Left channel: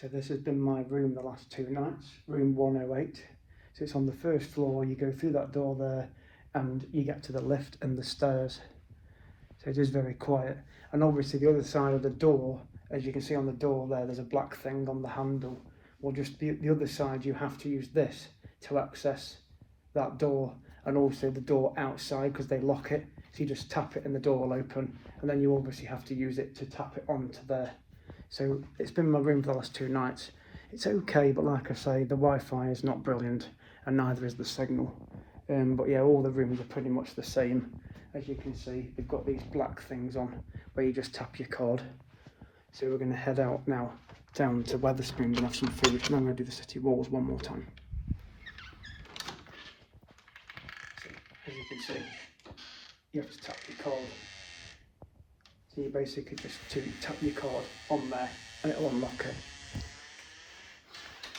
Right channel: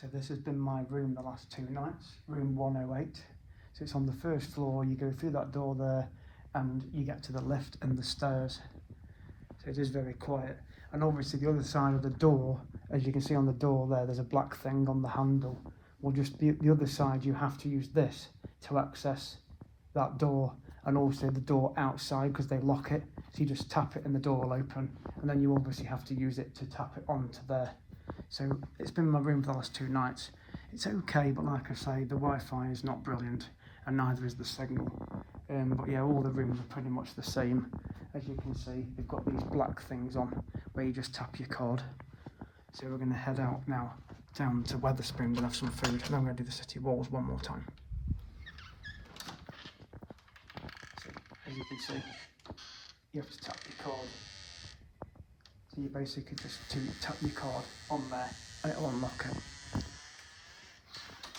So this has been my room the last 2 nights, room 108. So it's on the first floor, you go through that door there and you get to the lift and the stairs. So it is very quiet. And obviously the other side of the door, as you can see on the door there, there's a black thing on the handle. Well, just the other side, you have to use this to access that door, and also the door outside because they lock it. So you just tap it and the door will open, and then you obviously have to use it to tap it onto there. So it's been my room for the last 2 nights. It's okay, but like I say, the Wi-Fi is not brilliant, and neither is the signal. But yeah, all the rooms are pretty much the same. As you can see, they've got these black things on where you just tap your card. So we're going to head out now down to Wetherspoons and have some food, and I'm going to do the city walls one more time. So as you can see, you have to tap your card. So you basically just tap your card on there and it'll unlock it.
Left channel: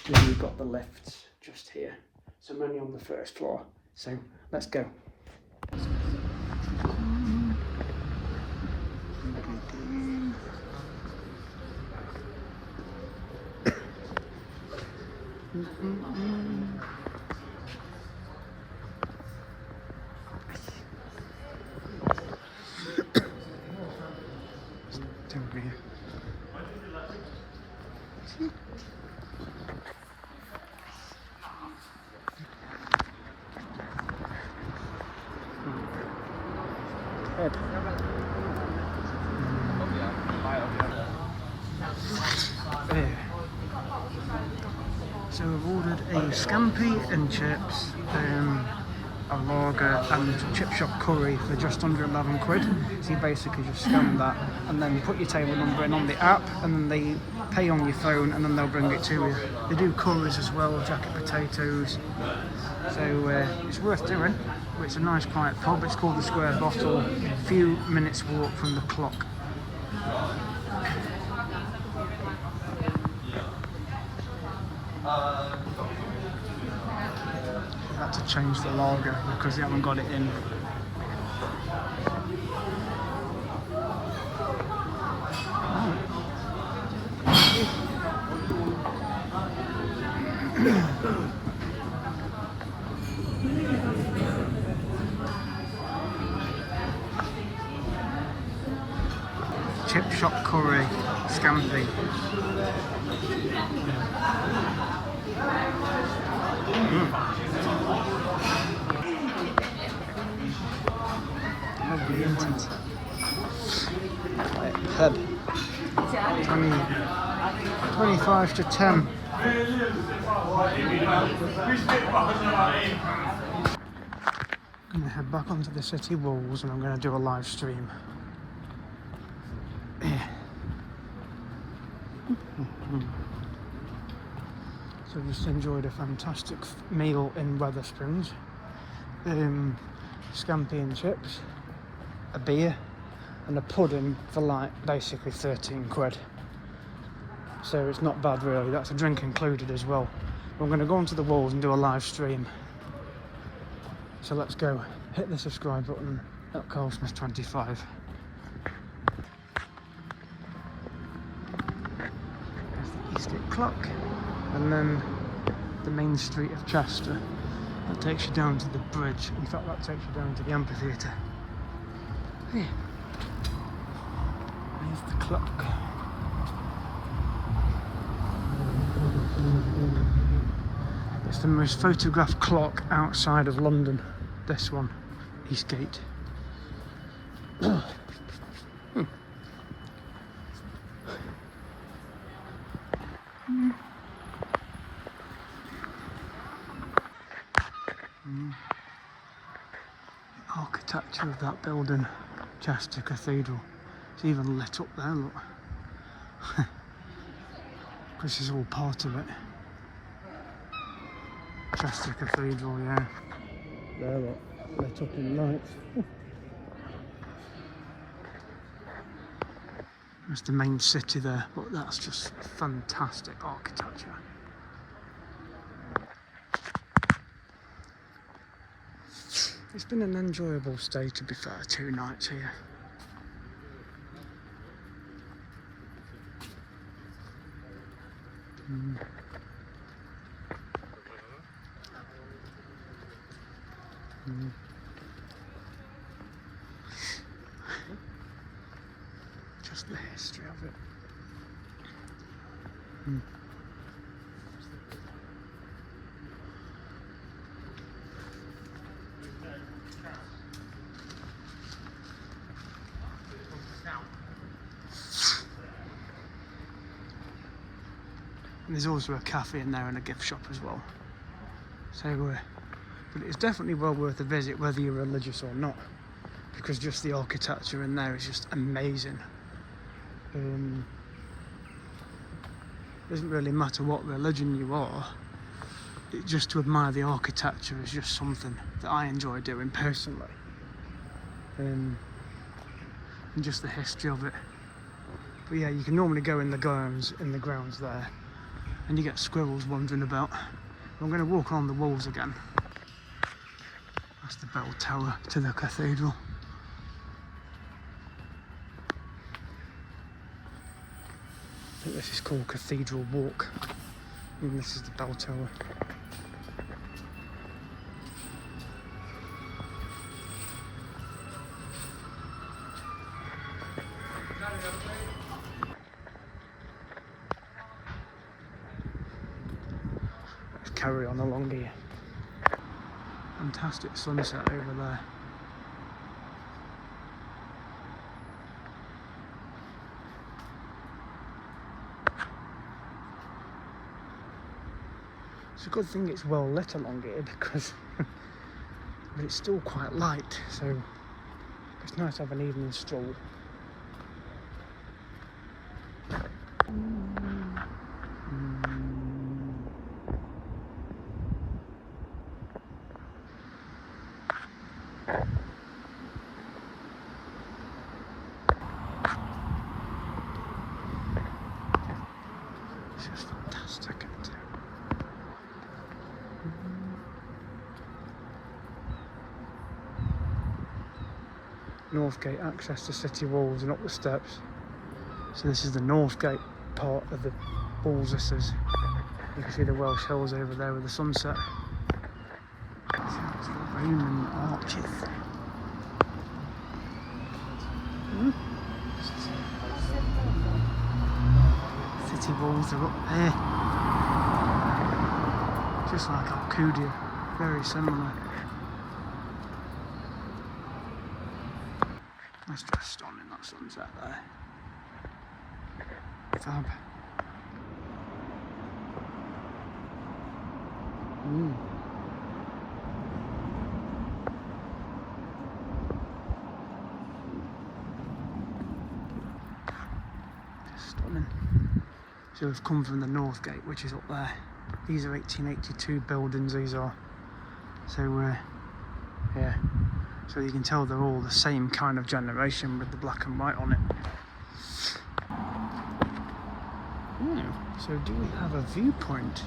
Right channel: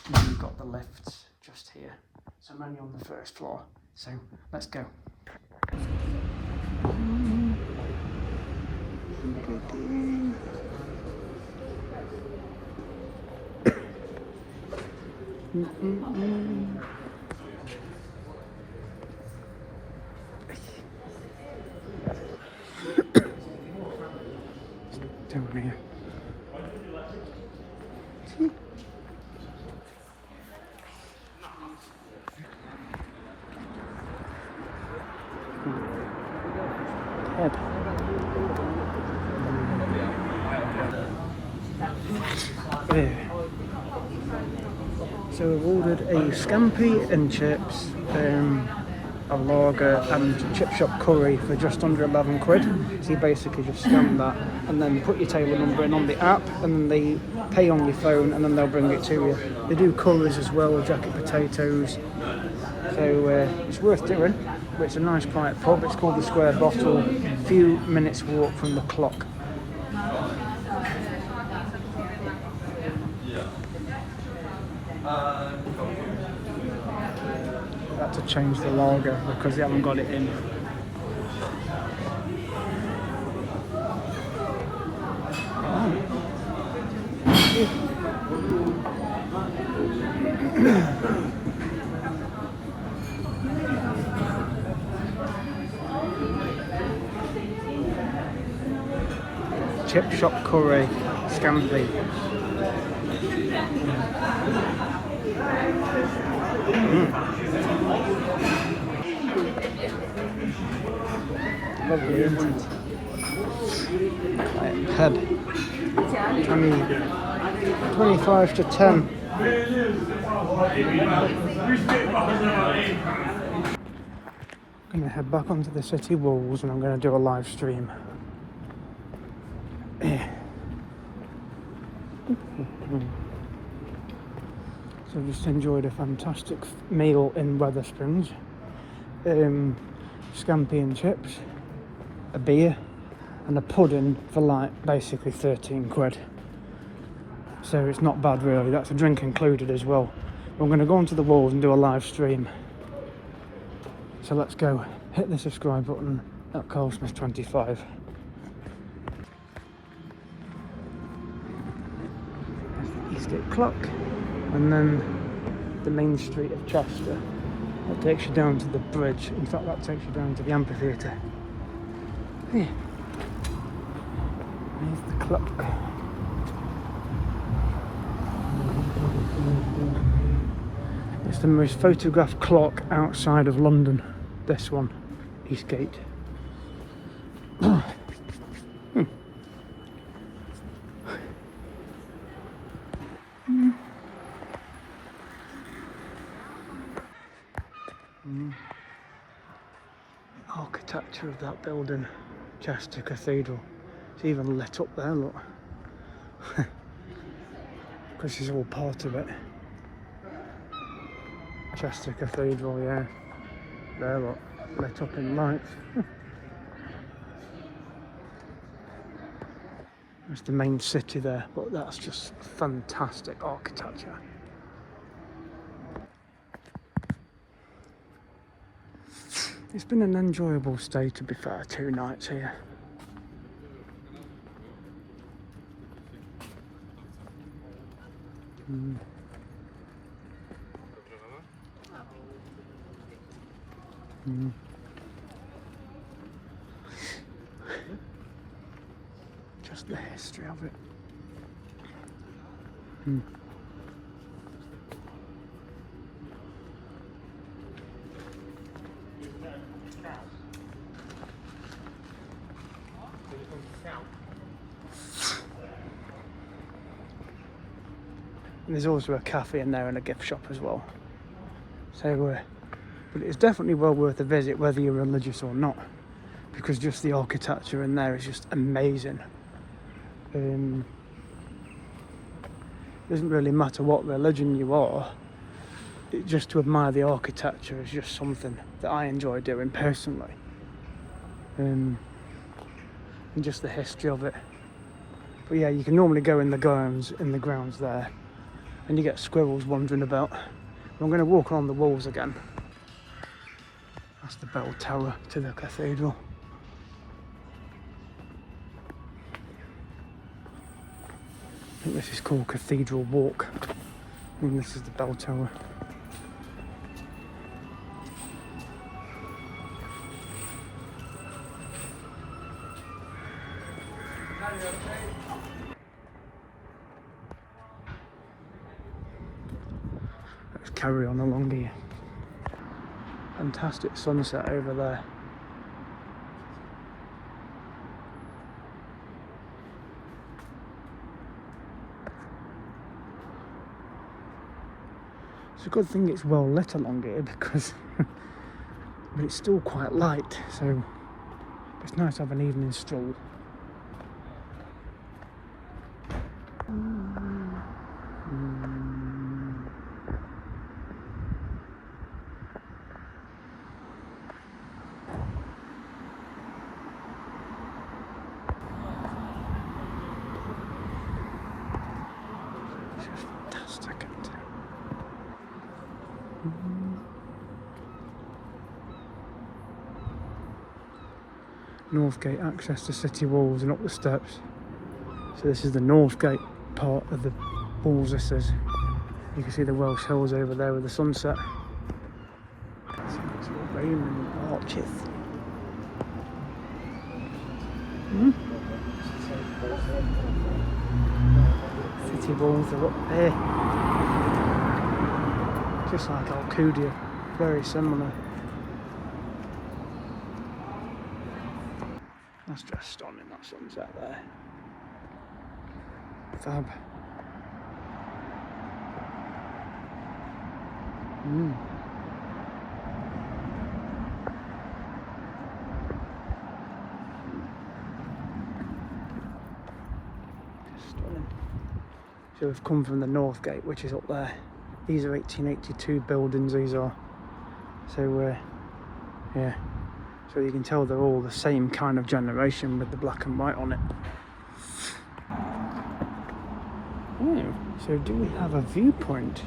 And then you've got the lifts just here. So I'm only on the first floor. So let's go. Down here. So we've ordered a scampi and chips, a lager and chip shop curry for just under 11 quid. So you basically just scan that and then put your table number in on the app, and then they pay on your phone and then they'll bring it to you. They do curries as well, jacket potatoes. So it's worth doing. It's a nice quiet pub. It's called the Square Bottle. A few minutes walk from the clock. I had to change the lager because they haven't got it in. Chip shop curry, scampi. Lovely, isn't it? Pub. 25 to 10. I'm going to head back onto the city walls and I'm going to do a live stream. So I just enjoyed a fantastic meal in Wetherspoons. Scampi and chips, a beer and a pudding for like basically 13 quid. So it's not bad really, that's a drink included as well. I'm going to go onto the walls and do a live stream. So let's go, hit the subscribe button at Colesmith25. There's the Eastgate clock, and then the main street of Chester. That takes you down to the bridge. In fact, that takes you down to the amphitheatre. Yeah. There's the clock. It's the most photographed clock outside of London. This one, Eastgate. The architecture of that building, Chester Cathedral. It's even lit up there, look. Because it's all part of it. Chester Cathedral, yeah. There, look, lit up in lights. There's the main city there, but that's just fantastic architecture. It's been an enjoyable stay, to be fair, 2 nights here. Mm. Mm. Just the history of it. Mm. And there's also a cafe in there and a gift shop as well. So, but it's definitely well worth a visit, whether you're religious or not, because just the architecture in there is just amazing. Doesn't really matter what religion you are. Just to admire the architecture is just something that I enjoy doing personally. And just the history of it. But yeah, you can normally go in the grounds there, and you get squirrels wandering about. I'm going to walk along the walls again. That's the bell tower to the cathedral. I think this is called Cathedral Walk, and this is the bell tower. Let's carry on along here. Fantastic sunset over there. It's a good thing it's well lit along here because but it's still quite light, so it's nice to have an evening street. It's just fantastic, isn't it? Northgate access to city walls and up the steps. So this is the Northgate part of the walls, this is. You can see the Welsh Hills over there with the sunset. It's actual Roman arches. City walls are up there. Just like Alcudia, very similar. That's just stunning, that sunset there. Fab. Stunning. So we've come from the North Gate, which is up there. These are 1882 buildings, these are. So, yeah. So you can tell they're all the same kind of generation with the black and white on it. Oh, so do we have a viewpoint?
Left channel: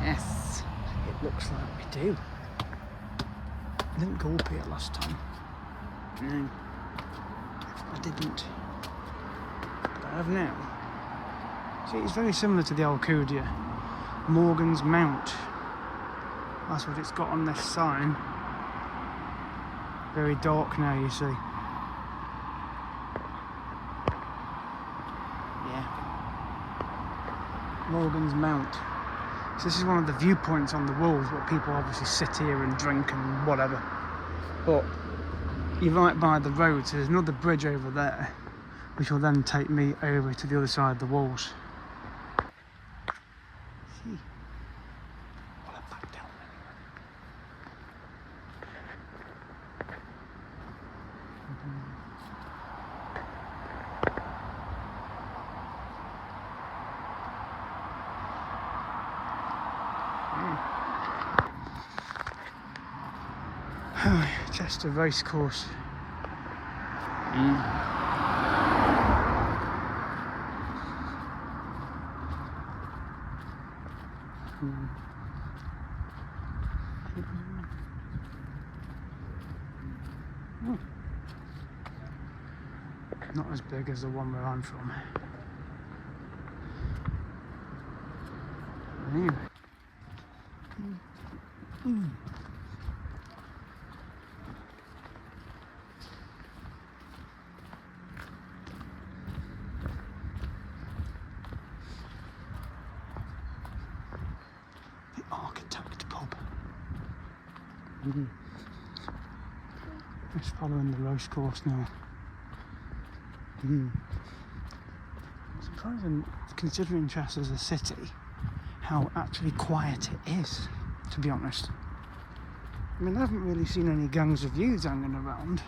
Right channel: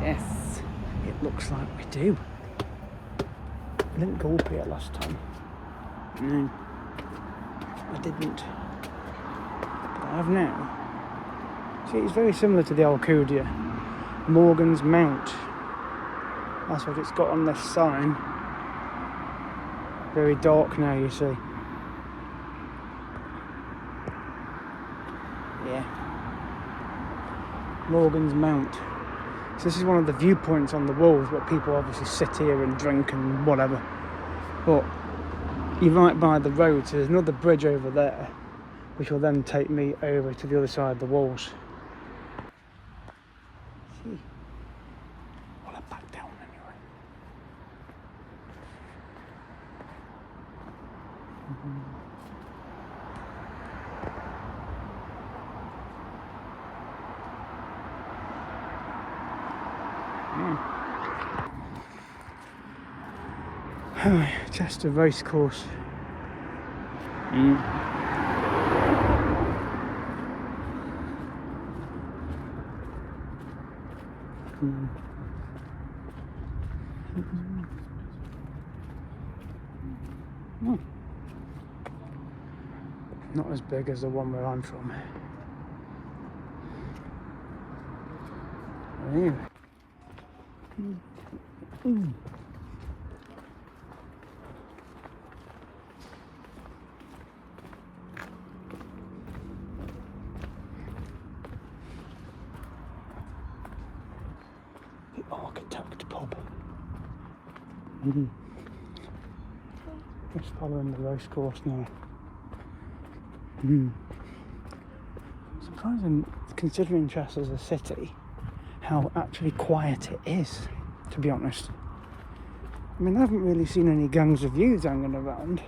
Yes, it looks like we do. I didn't go up here last time. No, I didn't. But I have now. See, it's very similar to the Alcudia. Morgan's Mount. That's what it's got on this sign. Very dark now, you see. Yeah. Morgan's Mount. So this is one of the viewpoints on the walls, where people obviously sit here and drink and whatever. But you're right by the road, so there's another bridge over there, which will then take me over to the other side of the walls. See? Well, back down. Just a race course. Not as big as the one where I'm from. Anyway. The Architect Pub. Just following the race course now. Sometimes I'm considering Chester as a city, how actually quiet it is, to be honest. I mean, I haven't really seen any gangs of youths hanging around,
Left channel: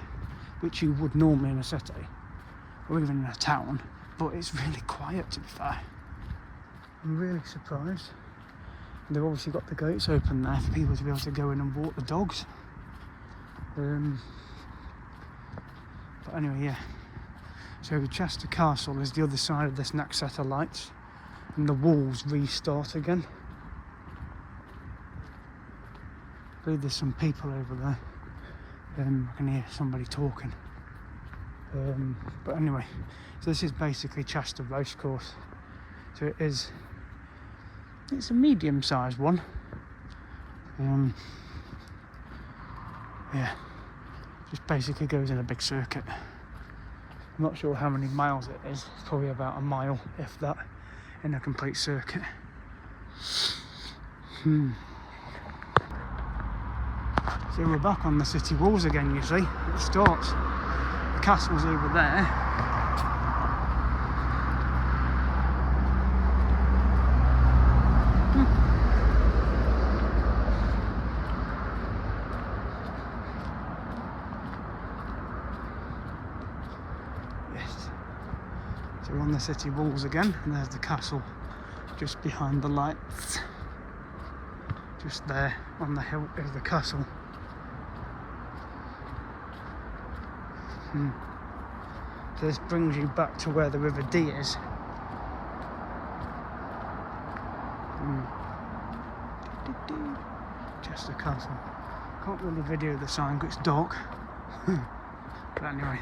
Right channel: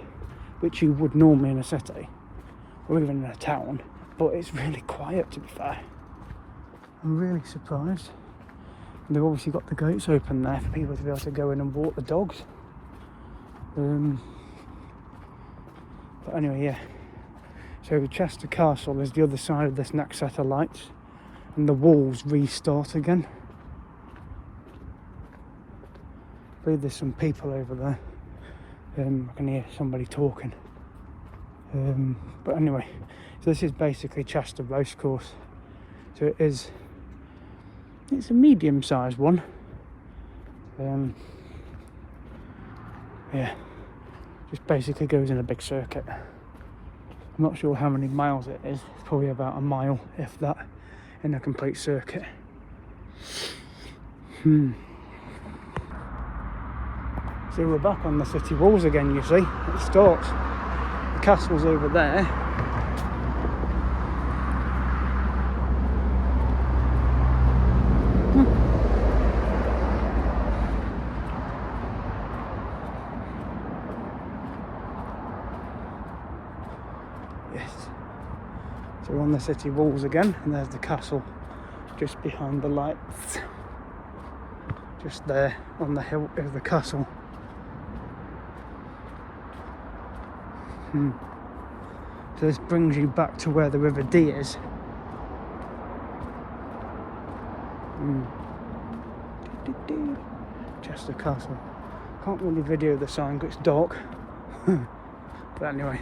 which you would normally in a city, or even in a town, but it's really quiet, to be fair. I'm really surprised. They've obviously got the gates open there for people to be able to go in and walk the dogs. But anyway, yeah. So Chester Castle is the other side of this next set of lights, and the walls restart again. I believe there's some people over there. I can hear somebody talking. But anyway, so this is basically Chester Racecourse. So it's a medium-sized one. Yeah, just basically goes in a big circuit. I'm not sure how many miles it is. It's probably about a mile, if that, in a complete circuit. So we're back on the city walls again, you see. It starts. The castle's over there. Yes. So we're on the city walls again, and there's the castle just behind the lights. Just there on the hill is the castle. So this brings you back to where the River Dee is. Chester Castle. Can't really video the sign because it's dark. But anyway.